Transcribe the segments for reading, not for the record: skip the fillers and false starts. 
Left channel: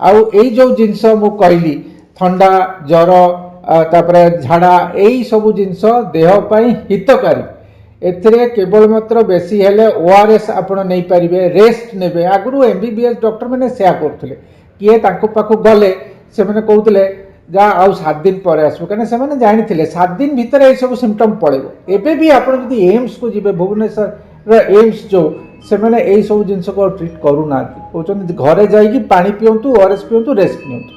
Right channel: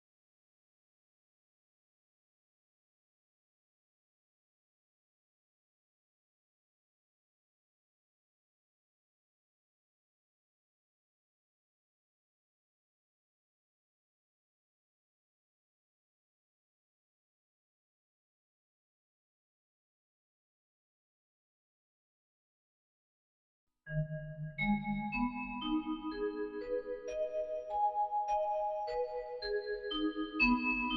आउ एई जो जिनस मु कहली थंडा जर तापरे झाड़ा यही सब जिनस देह पाई हितकारी एथिरे केवल मात्र बेसी हेले ओआरएस आपण नहीं पारिबे रेस्ट नेबे आगु एमबीबीएस डॉक्टर मैंने सेया करथले किए तांको पाखु गले से मैंने कहते जा आउ 7 दिन पर आसो कहीं से जानी 7 दिन भितर ये सब सिम्पटम पड़ेबो एबे भी आप एम्स को जी भुवनेश्वर एम्स जो से मैंने यही सब जिन को ट्रिट करूना कहते घरे जाइए पानी पिंतु ओआरएस पिंतु रेस्ट नियंतु।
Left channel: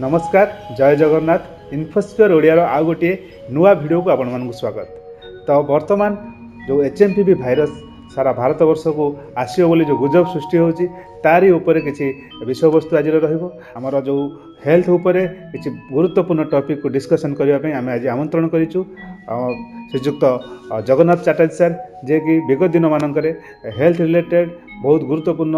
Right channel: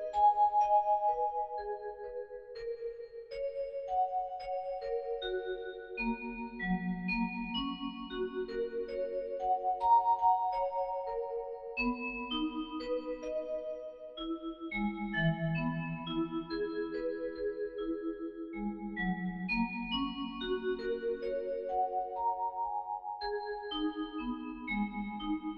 नमस्कार जय जगन्नाथ इन्फोस्फियर ओडिया आउ गोटे नुआ वीडियो को आपण मानक स्वागत। तो वर्तमान जो एचएमपीवी भाइरस सारा भारत वर्ष को आसो बोली जो गुजब सृष्टि होची तारी उपरे किसी विषय वस्तु आज रहिबो आमर जो हेल्थ उपरे किसी गुरुत्वपूर्ण टॉपिक को डिस्कशन करने आम आज आमंत्रण करिछु श्रीजुक्त जगन्नाथ चैटर्जी सर जे कि विगत दिन मानकरे हेल्थ रिलेटेड बहुत गुरुत्वपूर्ण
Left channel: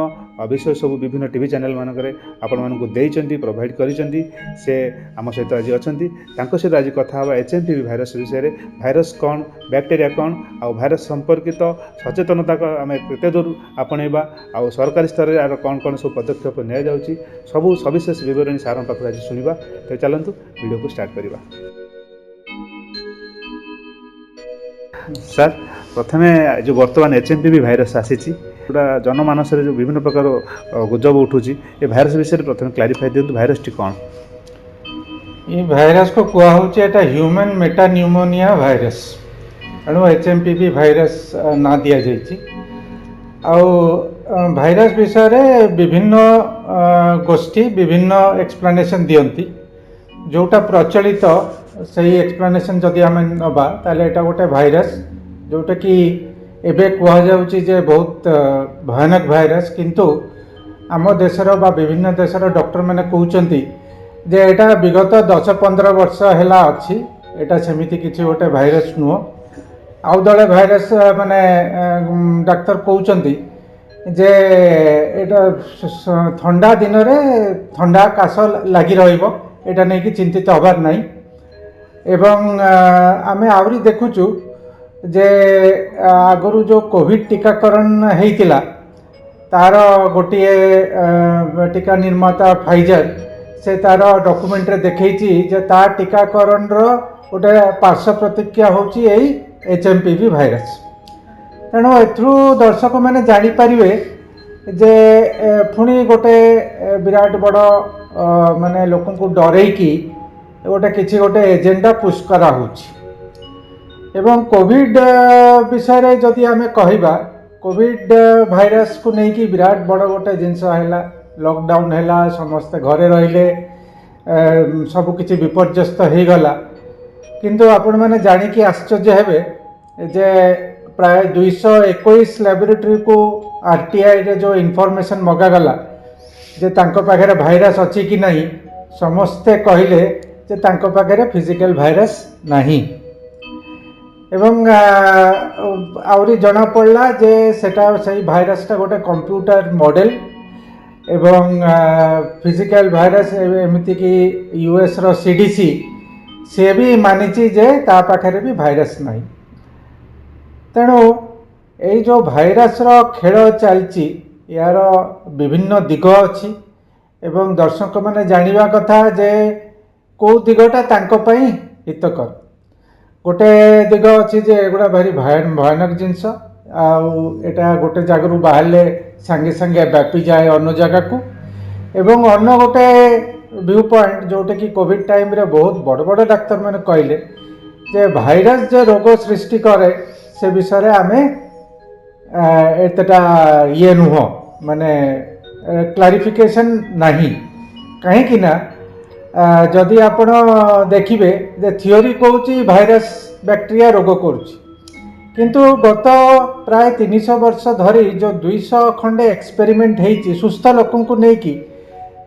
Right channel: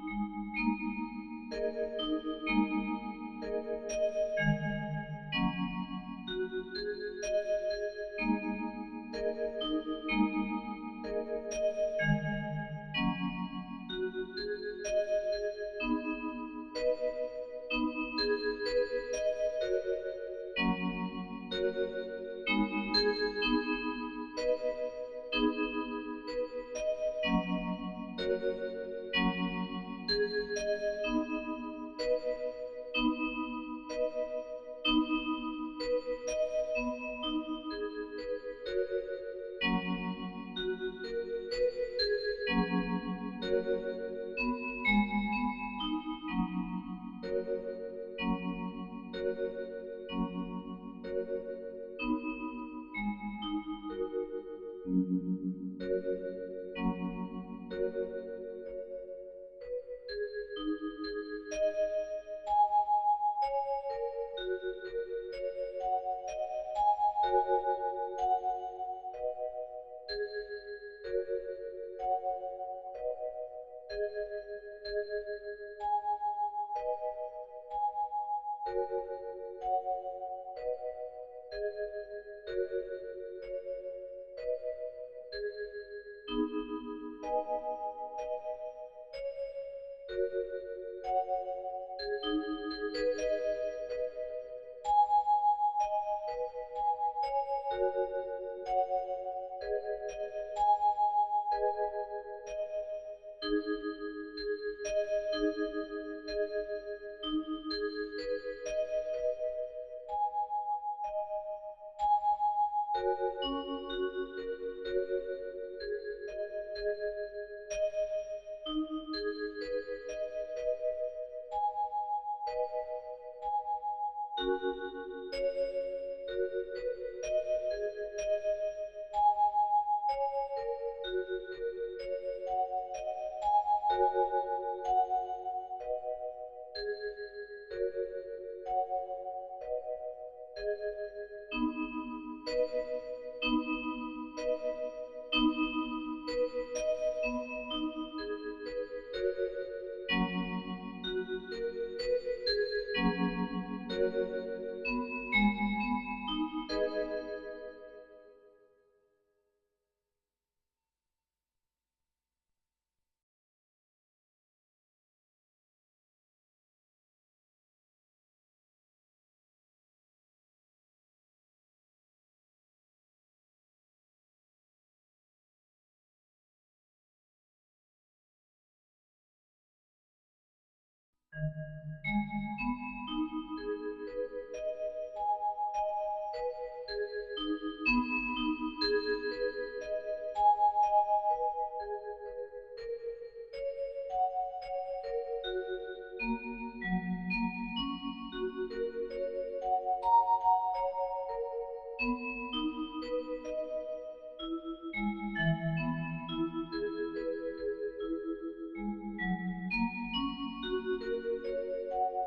विषय सब विभिन्न टीवी चैनल मानकरे आपण मानकु देइचंती प्रोवाइड करिसंती से आम सहित आज अछंती तांको सहित आज कथा हवा एचएमपीवी भाइरस विषय भाइरस कौन बैक्टेरिया कौन आ भाइरस संपर्कित सचेतनता को आम केते दूर आपणेबा आ सरकारी स्तर रे कौन कौन सब पदक्षेप निया जाउची सबु सविशेष विवरणी सार पाखु आज सुनिबा। तो चलंतु वीडियो को स्टार्ट करिबा। सर प्रथमे जो वर्तमान एचएमपीवी भाइरस आसी पूरा जनमानस जो विभिन्न प्रकार गुजब उठुची ये भाइरस विषय प्रथम क्लारिफाई दिंतु भाइरस टी कौन ये भाइरस को कुआ होची एटा ह्यूमन मेटा न्यूमोनिया भाइरस एणु एचएमपीवी भाइरस ना दिया जाइछि। आउ भाइरस विषय रे विभिन्न गोष्ठी विभिन्न एक्सप्लेनेशन दियंती जोटा प्रचलित सही एक्सप्लेनेशन जदि आम नबा ताले एटा गोटे भाइरस जोटा कि एबे कुआ जाउची जे बहुत भयानक भाइरस किंतु आम देशर बा विभिन्न देशर डॉक्टर मैंने कहउचंती जे एटा विगत 10-15 वर्ष हैला अछि एटा सेमिति किछि गोटे भाइरस नुह आउ दले भाइरस माने डाक्टर कहउचंती जे एटा ठंडा दिन रे ठंडा काश लागि रहिबो एटा नै कि चिंतित हबार नाही एवं आमे आवरी देखुचु जे आगरु जो कोविड टीकाकरण हेइतिला तार गोटे टीका निर्माता फाइजर से तार डॉक्यूमेंट रे देखैछि जे तार टीकाकरण रो गोटे पार्श्व प्रतिक्रिया होची एई एचएमपीवी भाइरस तेणु एथरू दर्शक मैंने जानी पारिबे जे पुणी गोटे विराट बड़ माने लोक को डरैकी गोटे किसी गोटे एजेंडा पुश करा होची एवं कोविड विषय रे जदि आमे कहिबा कोविड भाइरस को नहीं कि विराट बड़ गोटे जिनस हैला लॉकडाउन हैला समस्त घरे रहिले सब किछि विपर्यस्त हो गला किंतु आपण माने जानी कि आश्चर्य हेबे जे प्राय 221 लैबोरेटरी को आरटीआई रे जो इनफॉरमेशन मगा गला जे तांको पाखरे भाइरस अछि कि नहीं समस्ते कहिले जे तांको पाखरे फिजिकल भाइरस नहीं एवं आउरी जना पड़ला जे सेटा सही भाइरस टा गोटे कंप्यूटर मॉडल एवं फिजिकल भाइरस एमिति कि यूएस रो सीडीसी से भी मानिची जे ता पाखरे भी भाइरस नहीं तेणु यही जो भाइरस रो खेल चलची यार विभिन्न दिग अच्छी एवं दर्शक मैंने जानिबा कथा जे को दिगटा तांको पई हितकर गोटे दिग अच्छी जे एगुड़ा भारी भयानक जिनस आटा गोटे जगह बाहर सांगे सांगे व्यापी जाए अन्य जगह को एवं अन्य गोटे व्यू पॉइंट जोटे कि कोविड टाइम रे बहुत बड़ बड़ डाक्तर मैंने कहले जे भाइरस जे रोग सृष्टि करे से विषय रे आमे एतटा ये नुह माने क्लारिफिकेशन नहीं कहीं कि ना जदि आपण देखिबे जे थियोरी कहूची भाइरस बैक्टेरिया रोग करूची किंतु गत प्राय 300 वर्ष धरी जो 200 खंडे एक्सपेरिमेंट हेची सुस्थ लोकन को नेकी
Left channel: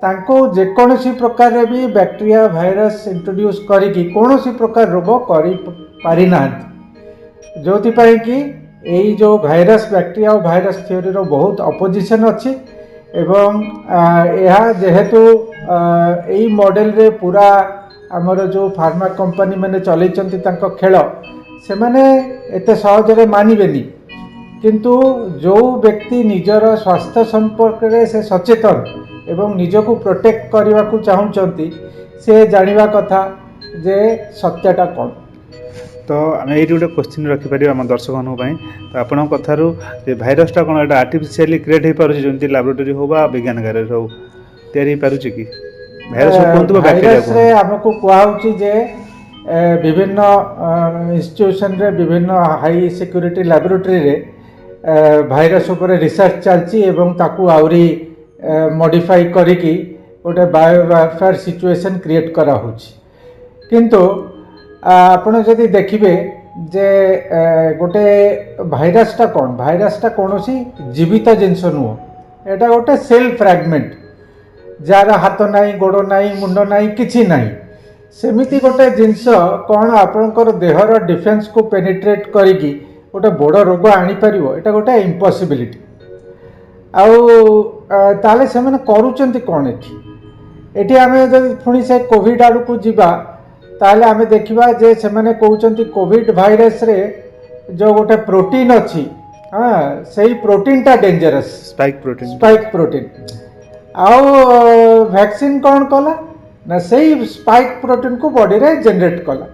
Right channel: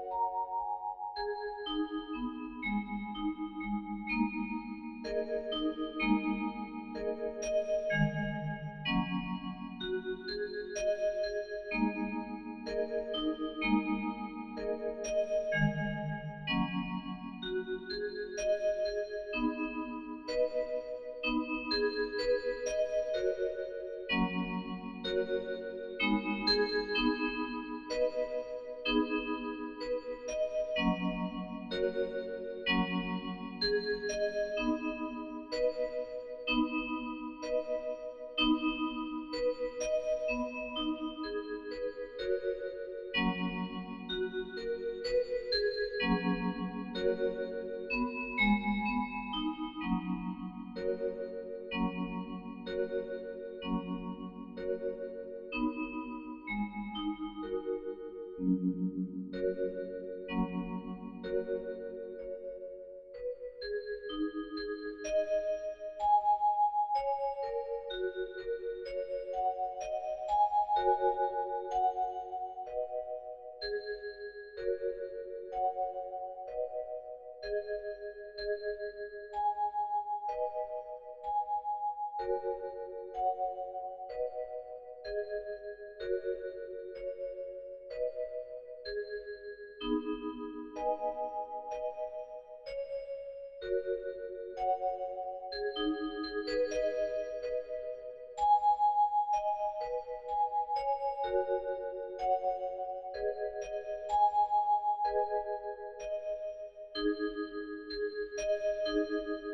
तांको जेकोसी प्रकार रे भी बैक्टेरिया भाइरस इंट्रोड्यूस करिकी कोनोसी प्रकार रोग करि पारि नांती जोथि पई कि एई जो भाइरस बैक्टेरिया और भाइरस थियोरी रो बहुत अपोजिशन अछि एवं यह जेहेतु एई मॉडल रे पूरा आमर जो फार्मा कंपनी मैंने चलैचंती तांको खेल से माने एते सहजरे मानिबेनी किंतु जो व्यक्ति निजर स्वास्थ्य संपर्क रे से सचेतन ଏବଂ ନିଜକୁ ପ୍ରୋଟେକ୍ଟ କରିବାକୁ ଚାହୁଁଛନ୍ତି ସେ ଜାଣିବା କଥା ଯେ ସତ୍ୟଟା କ'ଣ। ତ ଆମେ ଏଇଠି ଗୋଟେ କ୍ୱେଶ୍ଚିନ୍ ରଖିପାରିବା ଆମ ଦର୍ଶକମାନଙ୍କ ପାଇଁ। ତ ଆପଣଙ୍କ କଥାରୁ ଯେ ଭାଇରସଟା କ'ଣ ଏଇଟା ଆର୍ଟିଫିସିଆଲି କ୍ରିଏଟ୍ ହେଇପାରୁଛି, ଯେମିତି ଲାବୋରେଟୋରୀ ହଉ ବା ବିଜ୍ଞାନଗାରରେ ହଉ ତିଆରି ହେଇପାରୁଛି କି? ଭାଇରସ କୁହନ୍ତୁ ବା ବ୍ୟାକ୍ଟେରିଆ ଭାଇରସରେ କୁହନ୍ତୁ। ଆମକୁ କୁହାହେଉଛି ଯେ ବିଭିନ୍ନ ଇନଷ୍ଟିଟ୍ୟୁସନରେ ବିଭିନ୍ନ ହାଇ ସିକ୍ୟୁରିଟି ଲାବୋରେଟୋରୀରେ ଭାଇରସ ଉପରେ ରିସର୍ଚ୍ଚ ଚାଲିଛି ଏବଂ ତାକୁ ଆହୁରି ମଡ଼ିଫାଇ କରିକି ଗୋଟେ ବାୟୋ ସିଚୁଏସନ୍ କ୍ରିଏଟ୍ କରାହେଉଛି। କିନ୍ତୁ ଆପଣ ଯଦି ଦେଖିବେ ଯେ ଗୋଟେ ଭାଇରସଟା କ'ଣ, ଭାଇରସଟା କୌଣସି ଜୀବିତ ଜିନିଷ ନୁହଁ, ଏଇଟା ଗୋଟେ ସେଲ୍ ଫ୍ରାଗମେଣ୍ଟ ଯାହାର ହାତ ନାହିଁ, ଗୋଡ଼ ନାହିଁ, ମୁଣ୍ଡ ନାହିଁ, କିଛି ନାହିଁ। ସେମିତି ଗୋଟେ ଜିନିଷ କ'ଣ ଆପଣଙ୍କର ଦେହର ଡିଫେନ୍ସକୁ ପେନିଟ୍ରେଟ୍ କରିକି ଗୋଟେ ବଡ଼ ରୋଗ ଆଣିପାରିବ? ଏଇଟା ଗୋଟେ ଇମ୍ପସିବିଲିଟି। ଆଉ ତାହେଲେ ସେମାନେ କରୁଛନ୍ତି କ'ଣ ଏଠି? ଏଠି ଆମେ ଯଦି ପୁଣି ସେ କୋଭିଡ଼ ଆଡ଼କୁ ଯିବା ତାହେଲେ ଆମେ ଦେଖିବା ଯେ ସେମାନେ କହୁଛନ୍ତି କୋଭିଡ଼ ଭାଇରସରେ ଯେଉଁ ଗୋଟେ ପ୍ରୋଟିନ୍ ଅଛି, ସେଇ ପ୍ରୋଟିନ୍ଟା ଡେଞ୍ଜରସ୍, ସ୍ପାଇକ୍ ପ୍ରୋଟିନ୍। ଆଉ ଭ୍ୟାକ୍ସିନ୍ କ'ଣ କଲା ନା ସେଇ ସ୍ପାଇକ୍ ପ୍ରୋଟିନ୍କୁ ବଡ଼ିରେ ଜେନେରେଟ୍ କଲା।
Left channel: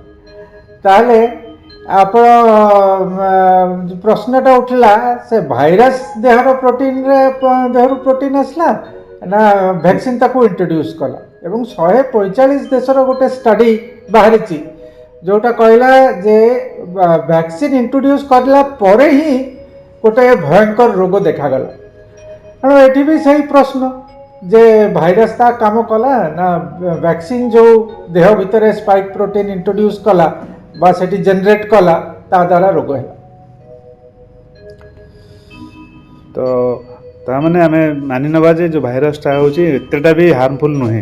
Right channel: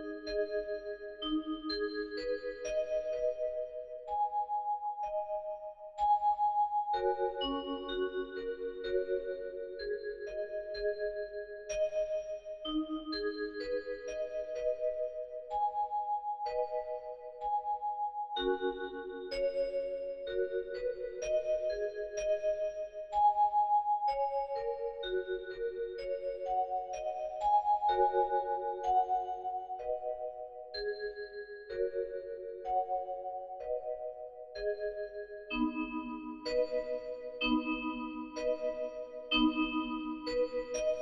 ତାହେଲେ ଆପଣ ପ୍ରଶ୍ନଟା ଉଠିଲା, ସେ ଭାଇରସ୍ ଦେହରୁ ପ୍ରୋଟିନ୍ ଆସିଲା ନା ଭ୍ୟାକ୍ସିନ୍ ତାକୁ ଇଣ୍ଟ୍ରୋଡ୍ୟୁସ୍ କଲା? ଏବଂ 145 ଦେଶର ଗୋଟେ ଷ୍ଟଡି ବାହାରିଛି ଯେଉଁଟା କହିଲା ଯେ ଭ୍ୟାକ୍ସିନ୍ ଇଣ୍ଟ୍ରୋଡ୍ୟୁସ୍ କରିଲା ପରେ ହିଁ ଗୋଟେ ଭୟଙ୍କର ରୋଗ ଦେଖାଗଲା। ତେଣୁ ଏଠି ବି ସେଇ ପ୍ରଶ୍ନ ଯେ ଭାଇରସ୍ ତା କାମ କଲା ନା ଭ୍ୟାକ୍ସିନ୍ ଯେଉଁ ଦେହ ଭିତରେ ସ୍ପାଇକ୍ ପ୍ରୋଟିନ୍ ଇଣ୍ଟ୍ରୋଡ୍ୟୁସ୍ କଲା ବା ସେଠି ଜେନେରେଟ୍ କଲା ତା ଦ୍ୱାରା ରୋଗ ହେଲା। ତ ତାମାନେ ଆମେ ମାନି ନେବା ଯେ ଯେଉଁ ଭାଇରସଟା ହେଉଛି ଏତେଟା ବି ହାର୍ମଫୁଲ୍ ନୁହେଁ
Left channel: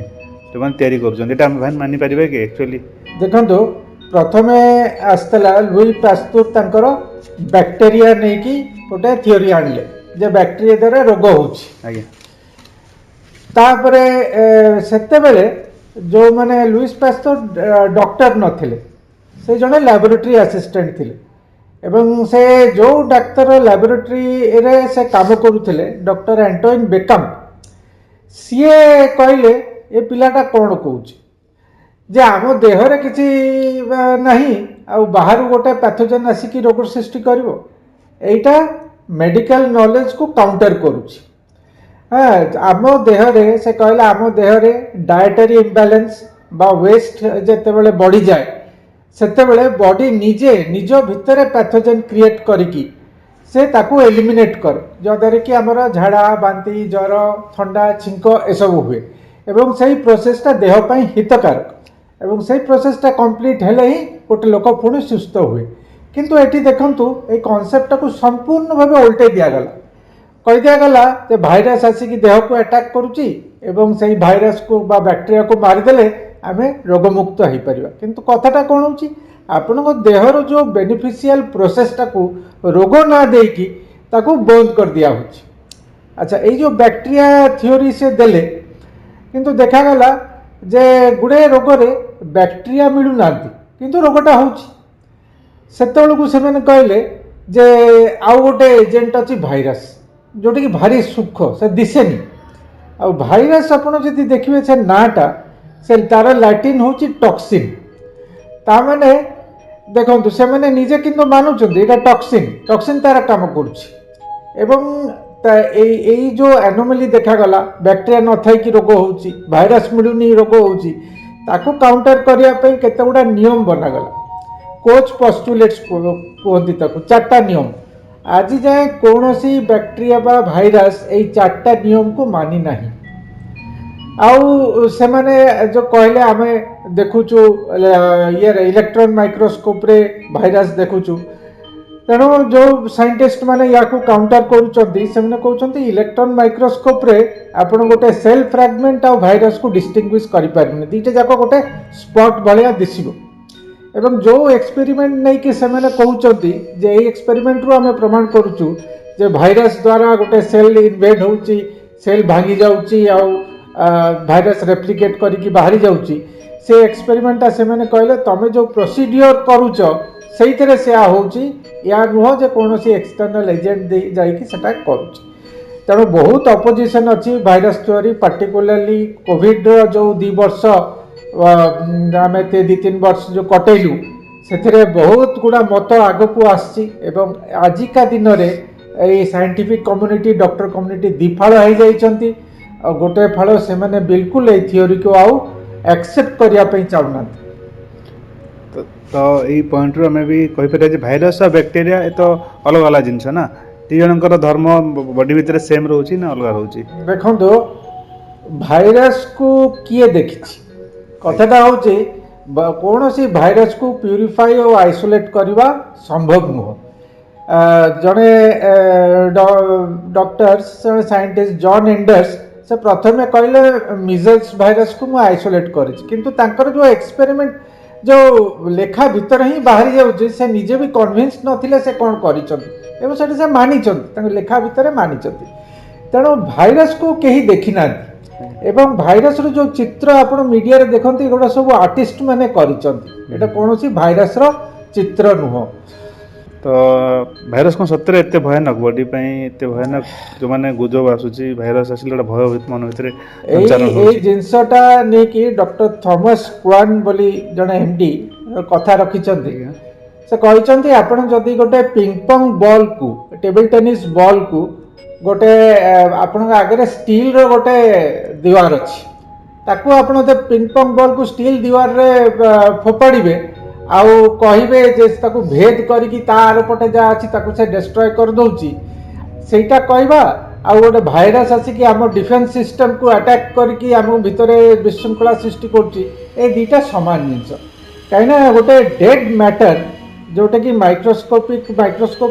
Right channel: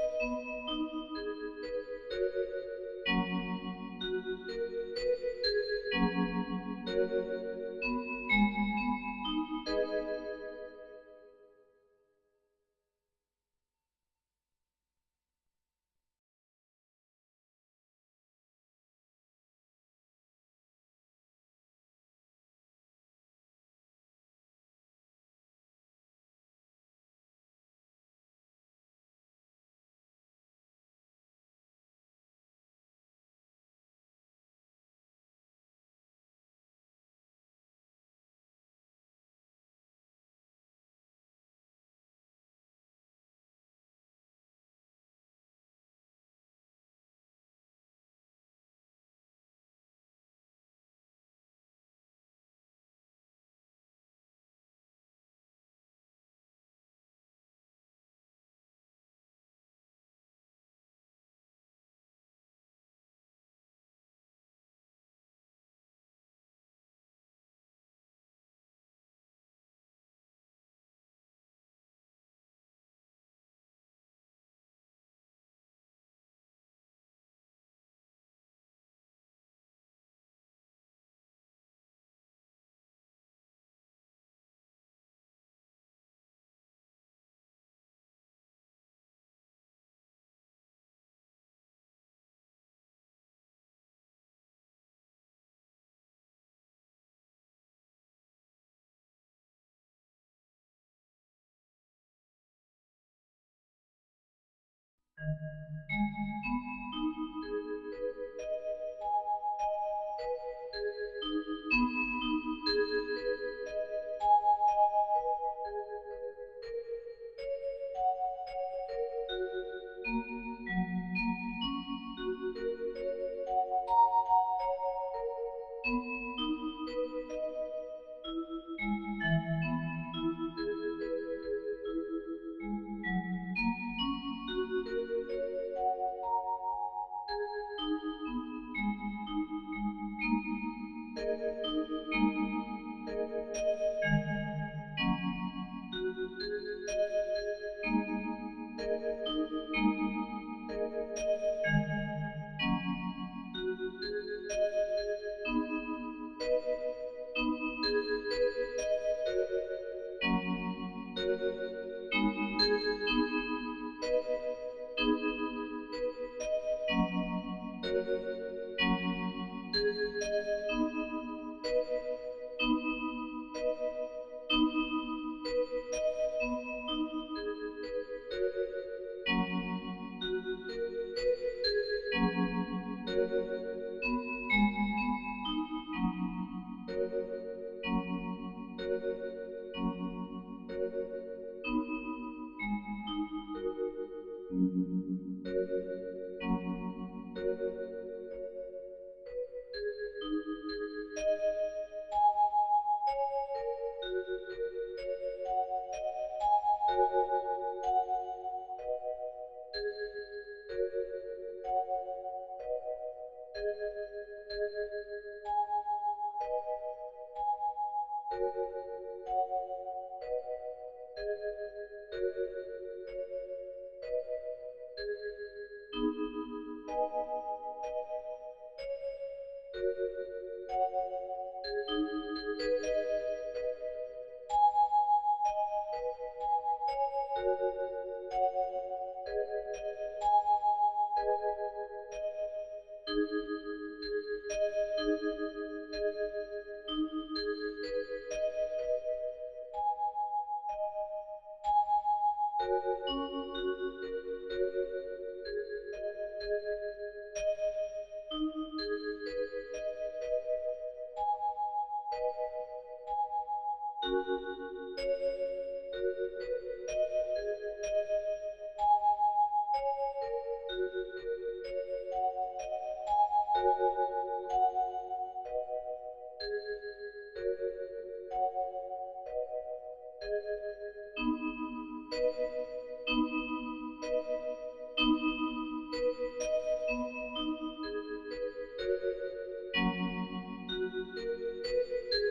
ଯେଉଁମାନେ ତିଆରି କରୁଛନ୍ତି, ଏଇଟା ଆମେ ଭାଇ ମାନିପାରିବା କି ଆକ୍ଚୁଆଲି? ଦେଖନ୍ତୁ, ପ୍ରଥମେ ଆସିଥିଲା ଲୁଇ ପାସ୍ତୁର ତାଙ୍କର ବ୍ୟାକ୍ଟେରିଆ ନେଇକି ଗୋଟେ ଥିଓରି ଆଣିଲେ ଯେ ବ୍ୟାକ୍ଟେରିଆ ଦ୍ୱାରା ରୋଗ ହେଉଛି। ଆଜ୍ଞା। ତାପରେ ସେତେବେଳେ ଯେଉଁମାନେ ଲୁଇସ୍ ପାସ୍ତୁର ଡକ୍ଟର ନଥିଲେ, ସେ ଜଣେ ଲ୍ୟାବୋରେଟୋରୀ ଆସିଷ୍ଟାଣ୍ଟ ଥିଲେ ଏବଂ ସେ ଯେଉଁ ଡାକ୍ତର ଲ୍ୟାବୋରେଟୋରୀରେ ସେ କାମ କରୁଥିଲେ, ଡକ୍ଟର ଆଣ୍ଟୋଇନ୍ ବେକମ୍, ସିଏ କହିଲେ ଏ ପିଲାଟା କ'ଣ କହୁଛି ଯେ ଆମ ଦେହରେ କିଛି ନାହିଁ ଆଉ ବାହାରୁ ଗୋଟେ ପ୍ୟାଥୋଜେନ୍ ଆସିକି ରୋଗ ସୃଷ୍ଟି କରିବ। ଏଇଟା ମେଡ଼ିକାଲ ନଲେଜକୁ କାଉଣ୍ଟର କରୁଛି। ଆମ ଦେହରେ, ସେ କହିଲା, ଆମ ଦେହରେ ଡାଏଟାରୀ ଇମ୍ବାଲାନ୍ସ ବା ୱେଷ୍ଟ ଯେତେବେଳେ ବଢ଼ିଯାଏ ସେତେବେଳେ ବଡି ନିଜେ ନିଜ ଭିତରେ ପ୍ୟାଥୋଜେନ୍ କ୍ରିଏଟ୍ କରିକି ସେ ତାକୁ ଏଲିମିନେଟ୍ କରେ, ଯାହାଦ୍ୱାରା କି ଆମର ଝାଡ଼ା, ବାନ୍ତି, ଜ୍ୱର, ଥଣ୍ଡା, ଛିଙ୍କ ଏସବୁ ହୁଏ ଏବଂ ସେଇ ପ୍ରୋସେସଟା ଦେହ ପାଇଁ ହିତକାରକ ଏବଂ ସେଇ ପ୍ରୋସେସଟା କମ୍ପ୍ଲିଟ୍ ହେଲେ ହିଁ ଗୋଟେ ଲୋକ ପୁଣି ସୁସ୍ଥ ହୁଏ। କିନ୍ତୁ ଏଠି ଦେଖନ୍ତୁ, ଏଇ କନସେପ୍ଟଟାକୁ ସମ୍ପୂର୍ଣ୍ଣ ଭାବେ ଓଲଟେଇ ଦିଆଗଲା। କହିଦିଆଗଲା ଯେ ଭାଇରସ୍ ଆସିକି ଦେହକୁ ଆଟାକ୍ କରୁଛି ଏବଂ ସେଇ ଭାଇରସ୍କୁ ବା ବ୍ୟାକ୍ଟେରିଆକୁ ମାରିଦେଲେ ଆମେ ରୋଗମୁକ୍ତ ହେଇପାରିବା। କିନ୍ତୁ କଥାଟା କ'ଣ ହେଉଛି, ଆପଣଙ୍କ ଦେହର ଯେଉଁ ବେନିଫିସିଆଲ ପ୍ରୋସେସଟାକୁ ରୋଗ ନା ଦେଇକି ତାକୁ ବନ୍ଦ କରିଦିଆହେଉଛି। ଆଚ୍ଛା, ଏଇ ଯେଉଁ ବ୍ୟାକ୍ଟେରିଆ ଥିଓରି ସେ ଦେଲେ, କିନ୍ତୁ ଦେଖାଗଲା ଯେ ଗୁଡ଼ାଏ ରୋଗରେ ବ୍ୟାକ୍ଟେରିଆ ମିଳୁନାହାନ୍ତି କିନ୍ତୁ ରୋଗଟା ହେଉଛି। ସେତେବେଳକୁ ସେମାନେ କହିଲେ ଯେ ଆଉ ଗୋଟେ ଏଜେଣ୍ଟ ଅଛି ଭାଇରସ୍, ଯେଉଁଟାକି ଭାରି ସୂକ୍ଷ୍ମ, ସେ ଦିଶେନି। ଆଉ ଭାଇରସ୍ ଆପଣ ଯଦି ଦେଖିବେ ସେ ନାଁଟା, ସେ ତାର ଲାଟିନ୍ ହେଉଛି ଟକ୍ସିନ୍। ତାମାନେ ଦେଖନ୍ତୁ, ସେମାନେ ନିଜେ କିନ୍ତୁ ମାନୁଛନ୍ତି ଏଇଟା ଟକ୍ସିନ୍ ତାର କାମ କରୁଛି ଏବଂ ଏଇ ଯେଉଁ ଆନୋମାଲି ଦେଖାଗଲା, ବ୍ୟାକ୍ଟେରିଆ ନଥାଇକି ରୋଗ ହେଉଛି, ଭାଇରସ୍ ମିଳୁନି ରୋଗ ହେଉଛି, ତାକୁ କାଉଣ୍ଟର କରିବା ପାଇଁ କେତେ ଗୁଡ଼ା ନିୟମ ବନାଗଲା। କୋଚ୍ ପଷ୍ଟୁଲେଟ୍ସ କୁହନ୍ତି ତାକୁ, 4ଟା ନିୟମ। ଆଜି ଯାଏଁ କୌଣସି ବ୍ୟାକ୍ଟେରିଆ ବା ଭାଇରସ୍ ଏଇ 4ଟା ନିୟମକୁ ମାନି ନାହିଁ। ଆଉ ସେମାନେ ଯେଉଁ କହିଲେ ଆମେ ଦେଖୁଛୁ ଇଲେକ୍ଟ୍ରନ୍ ମାଇକ୍ରୋସ୍କୋପ୍ରେ ଭାଇରସ୍ ଦେଖୁଛୁ, ତେଣୁ ଯେଉଁ ସାଇଣ୍ଟିଷ୍ଟ ମାନେ ୟାକୁ କାଉଣ୍ଟର କରୁଛନ୍ତି ସେମାନେ କହୁଛନ୍ତି ଇଲେକ୍ଟ୍ରନ୍ ମାଇକ୍ରୋସ୍କୋପ୍ରେ ଆପଣ ଗୋଟେ ସେଲ୍ ଫ୍ରାଗମେଣ୍ଟ ଆଉ ଭାଇରସ୍କୁ ଡିଷ୍ଟିଂଗୁଇଶ୍ କରିପାରିବେନି, ଦୁଇଟା ଯାକ ଗୋଟେ ସ୍ପଟ୍ ଭଳିଆ ଦିଶିବ। ଏବଂ ଯେଉଁ ଏକ୍ସପେରିମେଣ୍ଟ ନେଇକି ସେମାନେ କହୁଛନ୍ତି ଯେ ଏଇ ଏକ୍ସପେରିମେଣ୍ଟରୁ ଆମେ ପ୍ରମାଣ କରୁଛୁ ଯେ ଭାଇରସ୍ ଦ୍ୱାରା ଗୋଟେ ସେଲ୍ ଇନଭେଡ୍ ହେଉଛି, ସେଲ୍ ଭାଙ୍ଗି ଯାଉଛି ଆଉ ଭାଇରସ୍ ରେପ୍ଲିକେଟ୍ କରିକି ବାହାରି ଯାଉଛି, ସେ ଏକ୍ସପେରିମେଣ୍ଟଟା ସେମାନେ କହିଲେ ତମେ ଯେଉଁ ପ୍ରୋସିଡିଓର କରୁଛ ସେଇଥିରେ ସେୟା ହେଉଛି, ୟା ନୁହଁ ଯେ କୌଣସି ଏକ୍ସଟର୍ନାଲ୍ ଏଜେଣ୍ଟ ଦେଇ ଯାଇକି ସେଟା କରୁଛି। तेणु बहुत अपोजिशन अच्छी भाइरस थ्योरी पार्टिकुलरली कोविड जो 2 वर्ष आम 2-3 वर्ष जो कटेलु से बहुत गुड़ा मत आग को आसी आजिका दिन में साइंटिफिक कम्युनिटी डॉक्टर कम्युनिटी दिफाड़ हो जाइछंती गोटे फाड़ से मैंने बिल्कुल ये थ्योरी को आउ एक्सेप्ट करने चाहूना। तो यही पॉइंट रू आम भी कहीपर भाइरस और बैक्टेरिया ये तो अलग अलग जिनस ना दी जनकर धर्म बॉडी भितर सेम रोचे ना अलग रोचे। देखो भाइरस को किए देखी कथाटा हूँ कौन सी भाइरस को प्यूरिफाई और आइसोलेट करवा संभव नुह। जड़े डॉक्टर्स जड़े साइंटिस्ट जॉन एंडर्स से प्रथमे कहले मिजल्स भाइरस को मुझे आइसोलेट कर जो एक्सपेरिमेंट जो लेखा भीतर ही बाहरी जाऊँगी से निजे भी कन्विन्स नथिले से कौन कर मानी लेखा भितर मानी तेणु भाइरस को कहीं देखी ना एवं भाइरस जो चित्र आप मीडिया रे देखते एगुड़ा सब आर्टिस्ट मैंने करा कौन सी भाइरस रो चित्र नुह। तो भाइरस कौन सत्य एत भयानक बॉडी एत भयानक जो मैंने गुजब आसूची भाइरस आसिले भय मन भितर जिनसटा नहीं कि डॉक्टर थॉमस क्वान बोली जड़े एमडी कथा रखिंट से कहते आपड़ जदि गोटे पिंग पंग बॉल को टेबल टेनिस बॉल को गोटे आपण आगे स्टील रो गोटे दीवार अच्छी ताकू आपण पिंग पंग बॉल को स्टील दीवार रे फोपाड़े आउ कहे जे ताकू भेद करिकी तार पटे जा अच्छी ताकू से डिस्ट्रॉय कर दउची सेटा कहबा आउ गोटे भाइरस आसिकी आम डिफेन्स सिस्टम को अटैक करके आम भितर विशृंखला सृष्टि करुच्ची ए दुईटा सामान जिनस कहीं गोटे डेड मैटर जोटा कि माइक्रोस्कोपी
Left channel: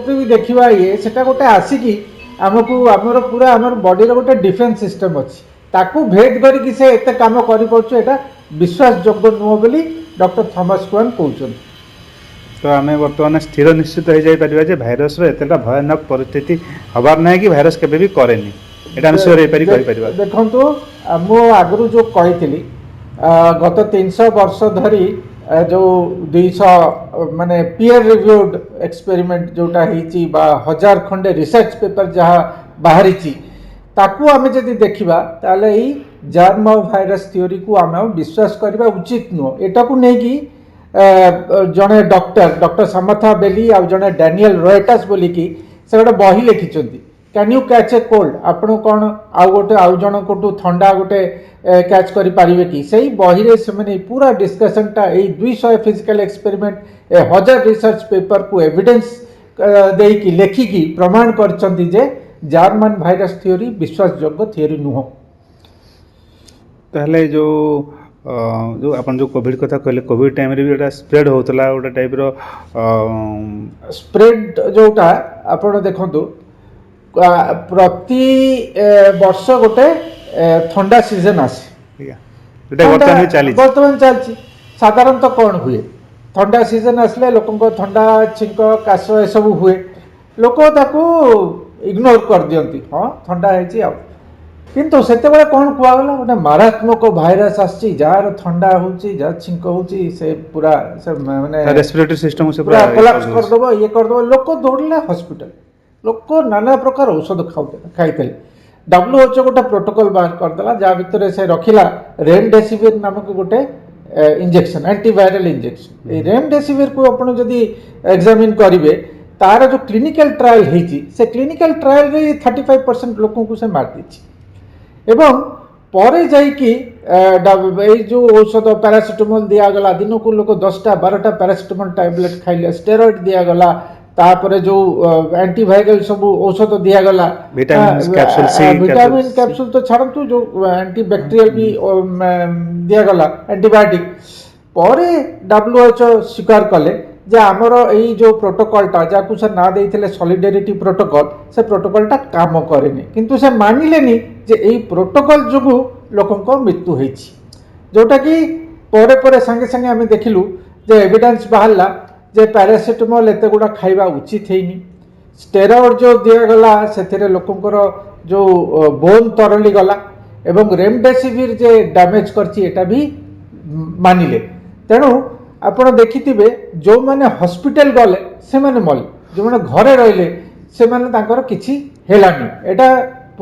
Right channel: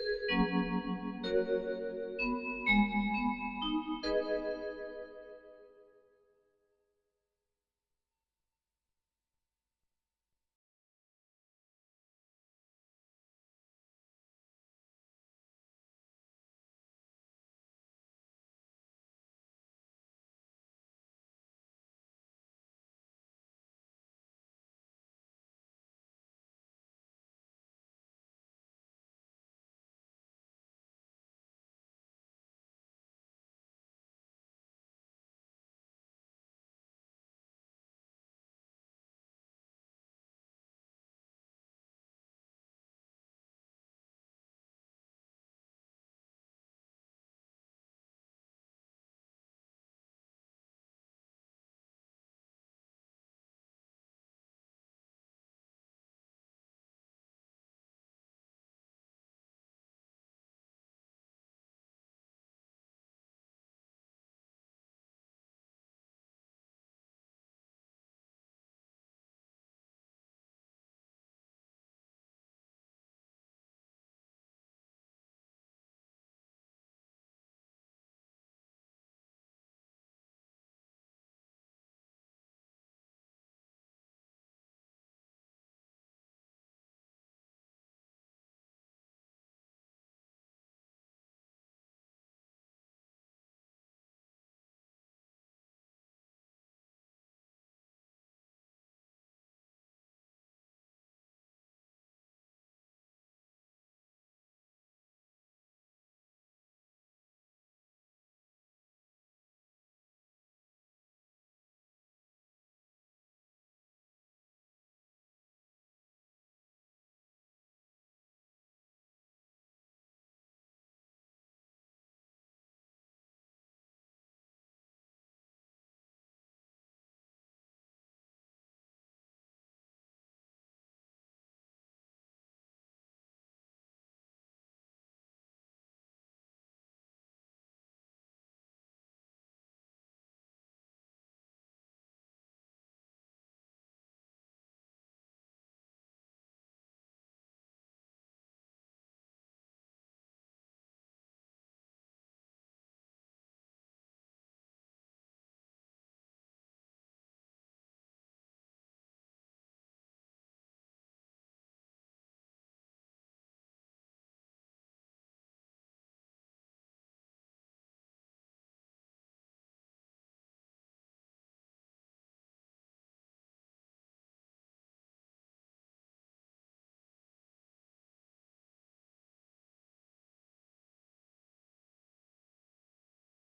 भी देखा ये सेटा गोटे आसिकी आमको आमर पूरा आमर बॉडी रो गोटे डिफेन्स सिस्टम अच्छी ताकू भेद करके से एत काम कर विश्वास योग्य नुह बोली डॉक्टर थॉमस क्वान कहते। तो आम बर्तमान स्थिर निश्चित हो जाए भाइरस एतटा भयानक परिस्थिति हबार ना कि भाइरस केबे भी करेनी एटा हम श्योर देखो मु आगु जो कही गत 300 वर्ष धरी जो 200 माने पीयर रिव्यूड एक्सपेरिमेंट जोटा होती 1000 खंडे रिसर्च पेपर जहाँ बाहरी ताकू आम जदि देखा ताले ही जर्म भाइरस थ्योरी को आम विश्वास करवा उचित नुह। एटा को नहीं कि जड़े डॉक्टर समथा बेली आ जड़े डैनियल रॉयटस बोली कि से गोटे बही लिखिं can you catch a cold आपण कौन आउ गोटे आउ जन को थंडा गोटे कैच करें कि सही बही रे से मैंने पूरा डिस्कसनटा 200 फिजिकल एक्सपेरिमेंट 1000 रिसर्च पेपर को एविडेंस देकी लेखिकी प्रमाण करछंती जे जर्मन भाइरस थ्योरी विश्वासयोग्य थ्योरी नुह। ताहले जो जो अपन जो कोविड कथा कहले कोविड टाइम रे भी एटा स्प्रेड होतला गोटे टाइप रो स्प्रेड जोटा आपण देखंतु प्रति वर्ष गोटे ठंडा सीजन आसे बर्तमान चलती साधारणतः कौन हुए ठंडा सीजन आसले लोक ठंडा छिंक काश ए सब हुए लोक ताकू इग्नोर कर दियंती हाँ ठंडा है किंतु से कौन कहगला गोटे मारात्मक भाइरस आसी जार ठंडा होची जार छिंक होची से पूरा से माने रेस्पिरेटरी सिस्टम से पूरा कोलैप्स कर दबो ये कर दबो लोक दौड़ले हॉस्पिटल लोक नाना प्रकार औषध खाइते WHO गोटे प्रोटोकॉल बाहर करदेला जहाँ भितर से रखिला रेमडेसिविर नामक गोटे इंजेक्शन एंटीवायरल इंजेक्शन ये रेमडेसिविर को आपण जदि एग्जामिन करेंगे तार जो क्लिनिकल ट्रायल होती से क्लिनिकल ट्रायल रे 35% लोगों को से मार दी एवं परे जाइकी जो औषध पैरासिटामोल दिगला दिन को लोग 10टा 12टा पैरासिटामोल टैबलेट खाइले स्टेरॉइड दिगला तापर जो एंटीवायरल सब औषध दिगला विटामिन कैप्सूल तो छाड़ू जो एंटीबैक्टेरियल भी दिगला एंटीबायोटिक परे WHO स्वीकार कले जे आमर यही जो प्रोटोकॉलटा जहाँ से ना देते सॉलिडारिटी प्रोटोकॉल से प्रोटोकॉलटा काम करेनि किंतु से मानिलेनी जे यही प्रोटोकॉल जो लोकों मृत्यु होती जोटा कि परे परे संगे संगे आम देखिलु जे एविडेंस बाहरला जे पैरासिटामोल एत गुड़ा खाइबा उचित हैनी स्टेरॉइड जो दिगला से लोकंकर जो बोन तरली गला एवं रेमडेसिविर जे डैमेज करछि एटा भी मानिले तेणु आपण देखिथिबे जो माने हॉस्पिटल गले से माने मले जो माने घरे रहिले से माने तांकर किछि हेलानी एटा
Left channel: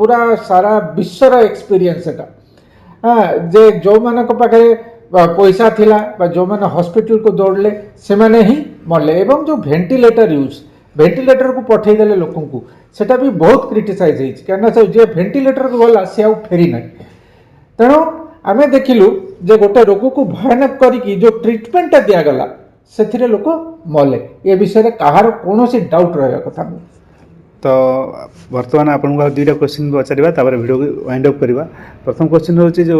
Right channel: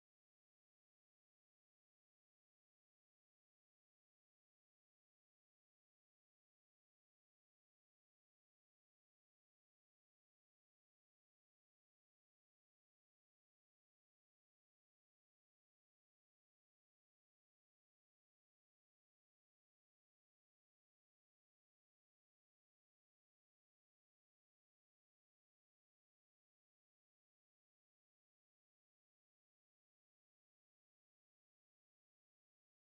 पूरा सारा विश्वर एक्सपीरियंस एटा हाँ जे जो मानक पाखे पैसा थिला जो मैंने हॉस्पिटल को दौड़ले से माने ही मरले एवं जो वेंटिलेटर यूज वेंटिलेटर को पठेदेले लोक को सेटा भी बहुत क्रिटिसाइज होती कहीं जे वेंटिलेटर को गला सी आउ फेरी ना तेणु आम देखिलु जे गोटे रोग को भयानक करी जो ट्रिटमेंटा दिगला से लोक मले ये विषय में कहार कौन डाउट रहा कथा नहीं। तो बर्तमान आपको दुईटा क्वेश्चन पचार वीडियो वाइंड अप करवा। प्रथम क्वेश्चन हूँ जो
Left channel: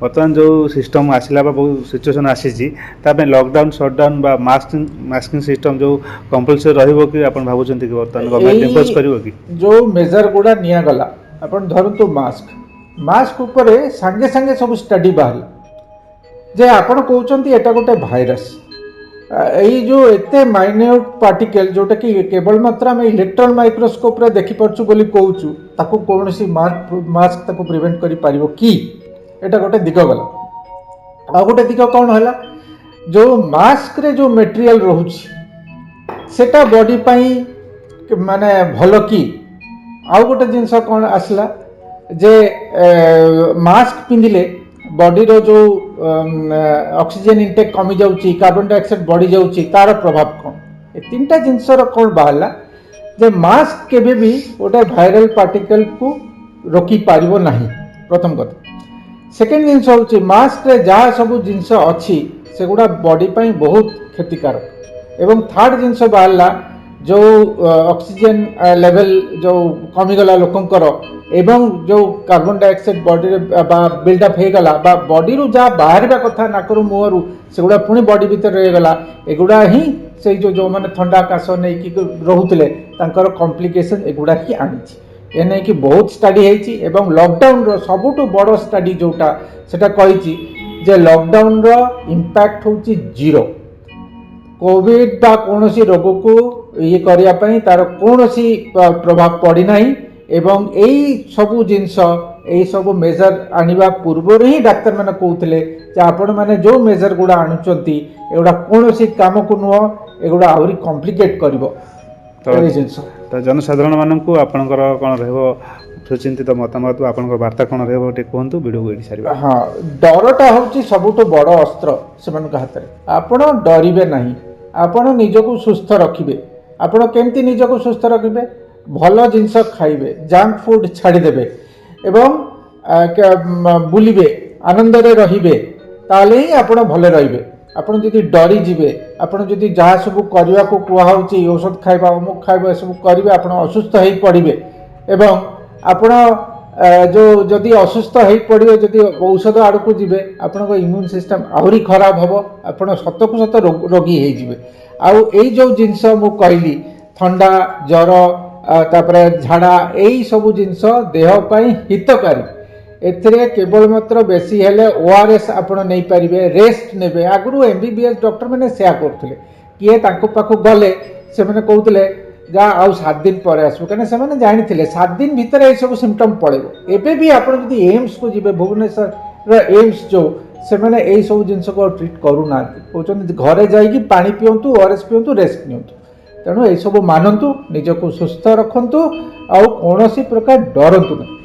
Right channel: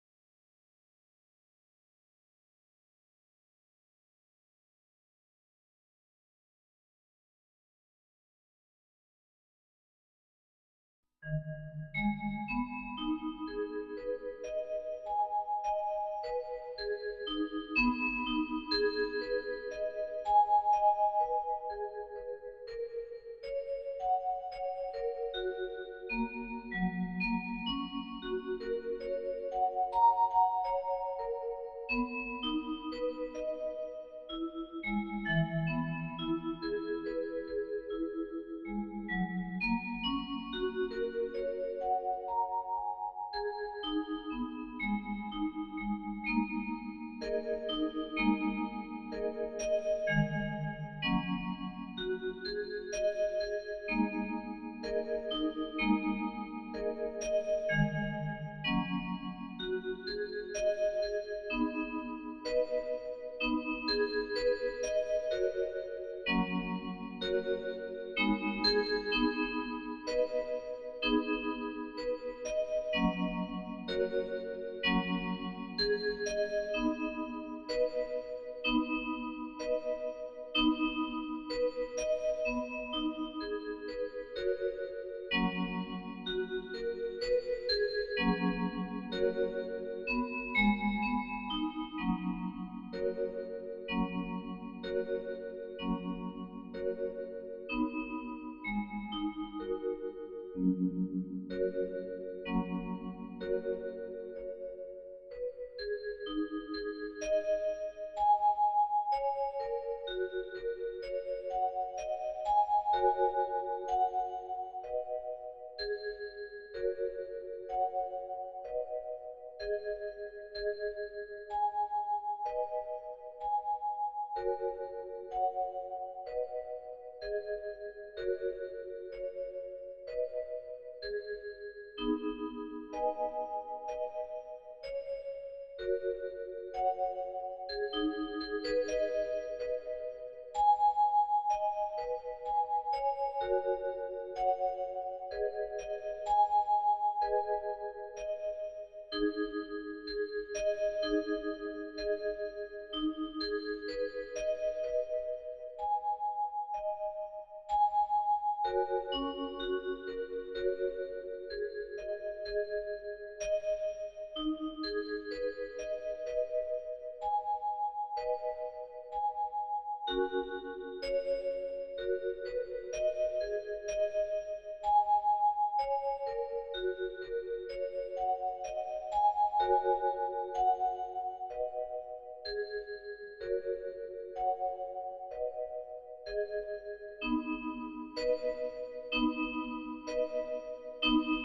बर्तमान जो सिस्टम आसला बहुत सिचुएसन आसी लॉकडाउन शटडाउन बा मास्किंग सिस्टम जो कंपलसरी रहिबो कि आपण भाबुचंती कि बर्तमान गवर्नमेंट इंपोज करिवो कि जो मेजर गुड़ा निया गला आपण धरंतु मास्क ऊपर सांगे सांगे सब स्टडी बाहर जे आपण कहउचंती एटा गोटे भाइरस यही जो एते माइन्यूट पार्टिकल जोटा कि केवल मात्र आम इलेक्ट्रॉन माइक्रोस्कोप रे देखि परछु बोली कहउछु ताको कोनोसी मास्क ताको प्रिवेंट करि पारिबो कि एटा गोटे दिग गला आ गोटे दिग कौन हला जो मास्क रे जो मटेरियल रहउछि सेटा बॉडी पई माने भलो कि आ गोटे जिंस कौन आसला जे मास्क पिंदिले बॉडी रो जो ऑक्सीजन इंटेक कमी जाउची कार्बन डाइऑक्साइड बढ़ी जाउची तार प्रभाव कौन ए तीनटा जिनसर कौन बाहला जे मास्क केबे भी गोटे वायरल पार्टिकल को रोकी पारिबो नाही प्रथम कथा। सेकेंड जिनस होची मास्क रे जहाँ सब जिनस अच्छी सेगुड़ा बॉडी पई बहुत क्षतिकारक एवं थर्ड जिनस बाहला जो ऑक्सीजन लेवल जो कमीगला लोकंकर एवं जो कार्बन डाइऑक्साइड बॉडी बिल्डअप हो गला बॉडी रु जहाँ बाहर कथा नाकर मुहर सेगुड़ा पुणी बॉडी भीतर रहीगला एगुड़ा ही से जो मैंने थंडा काश नहीं कि रोते कॉम्प्लिकेशन एगुड़ा ही आनी ए नहीं कि बहुत स्टडी है एवं लॉकडाउन रो सबुठु बड़ स्टडी जोटा सेटा कही जे लॉकडाउन रो इम्पैक्ट होची जीरो कोविड बा कौन सी रोग को ये करने तार कौन सी प्रभाव पड़ना एवं यही सबू जिनस यही सब मेजर आनिबा पूर्व ही डाक्तर मैंने कहते आपण मैंने जो मेजर गुड़ा आणुचंती एगुड़ा कौन सी काम को नुह एगुड़ा आहरी कॉम्प्लिकेट करिवो तो जनसाधारण मानक आपणकर कौन रहिबो सुचिंतित मतामत आपणकर वार्ता कौन रहिबो टे कहंतु वीडियो को एडी सारिबा। हाँ डरटा होची सबुठो बड़ अस्त्र सेमानक हाथ में आपण डरिबे नहीं आपण निजको सुस्थ रखिबे आपण केमती निजको सुस्थ रखिबे भल जिनस खाइबे जंक फूड छाड़ीदेवे एवं बुलिबे आनंद रे रहिबे ताले ही आपण भले रहिबे आपण जदि डरी जिबे आपण जदि जहाँ सब करने को कहउची औषध खाइबा अमुक खाइबा सब करिवे आपण असुस्थ हो पड़िबे एवं आपण जो जदि असुस्थ हो पड़े जदि औषध आड़ को जीवे आपण इम्यून सिस्टम आहरी खराब हम आपण सत को सत रोगी हो आई जो जिनस मु कहली थंडा जर तापरे झाड़ा यही सब जिनस देहपाई हितकारी एथिरे केवल मात्र बेसी हेले ओआरएस आपण नहीं पारिबे रेस्ट नेबे आगु एमबीबीएस डॉक्टर मैंने सेया करथिले किए तांको पाखु गले से मैंने कहउतले जा आउ 7 दिन पर आसबो कने से मैंने जानि थिले 7 दिन भीतर ए सब सिम्पटम पड़ेबो एबे भी आपण जदि एम्स को जिबे भुवनेश्वर रे एम्स जो से मैंने ए सब जिनस को ट्रीट करू ना कहउछन घरे जाईकी पानी पियंतु ओआरएस पियंतु रेस्ट नियंतु तेणु ए सब मानंतु निजको सुस्थ रखंतु आउ कोनोसी प्रकार डरंतु नहीं।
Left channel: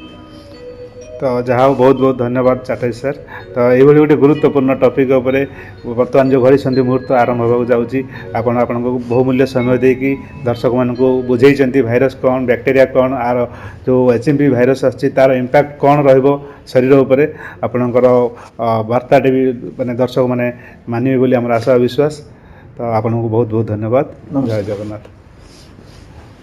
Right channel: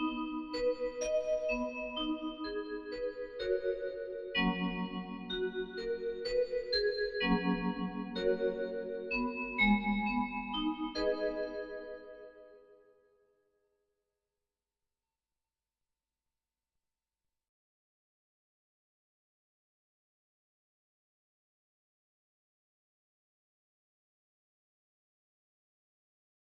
तो जहाँ बहुत बहुत धन्यवाद चाटाई सर। तो ये गोटे गुरुत्वपूर्ण टॉपिक उपरे वर्तमान जो घड़ी संधि मुहूर्त आरंभ होगा जाऊँगी आपण बहुमूल्य समय देकी दर्शक मानक बुझे भाइरस कौन बैक्टेरिया कौन आर जो एचएमपी भाइरस आसी तार इम्पैक्ट कौन रहिबो शरीर उपरे आपणकर वार्ताटे भी माने दर्शक माने मानिबे बोली आम आशा विश्वास। तो आपको बहुत बहुत धन्यवाद। जय जगन्नाथ।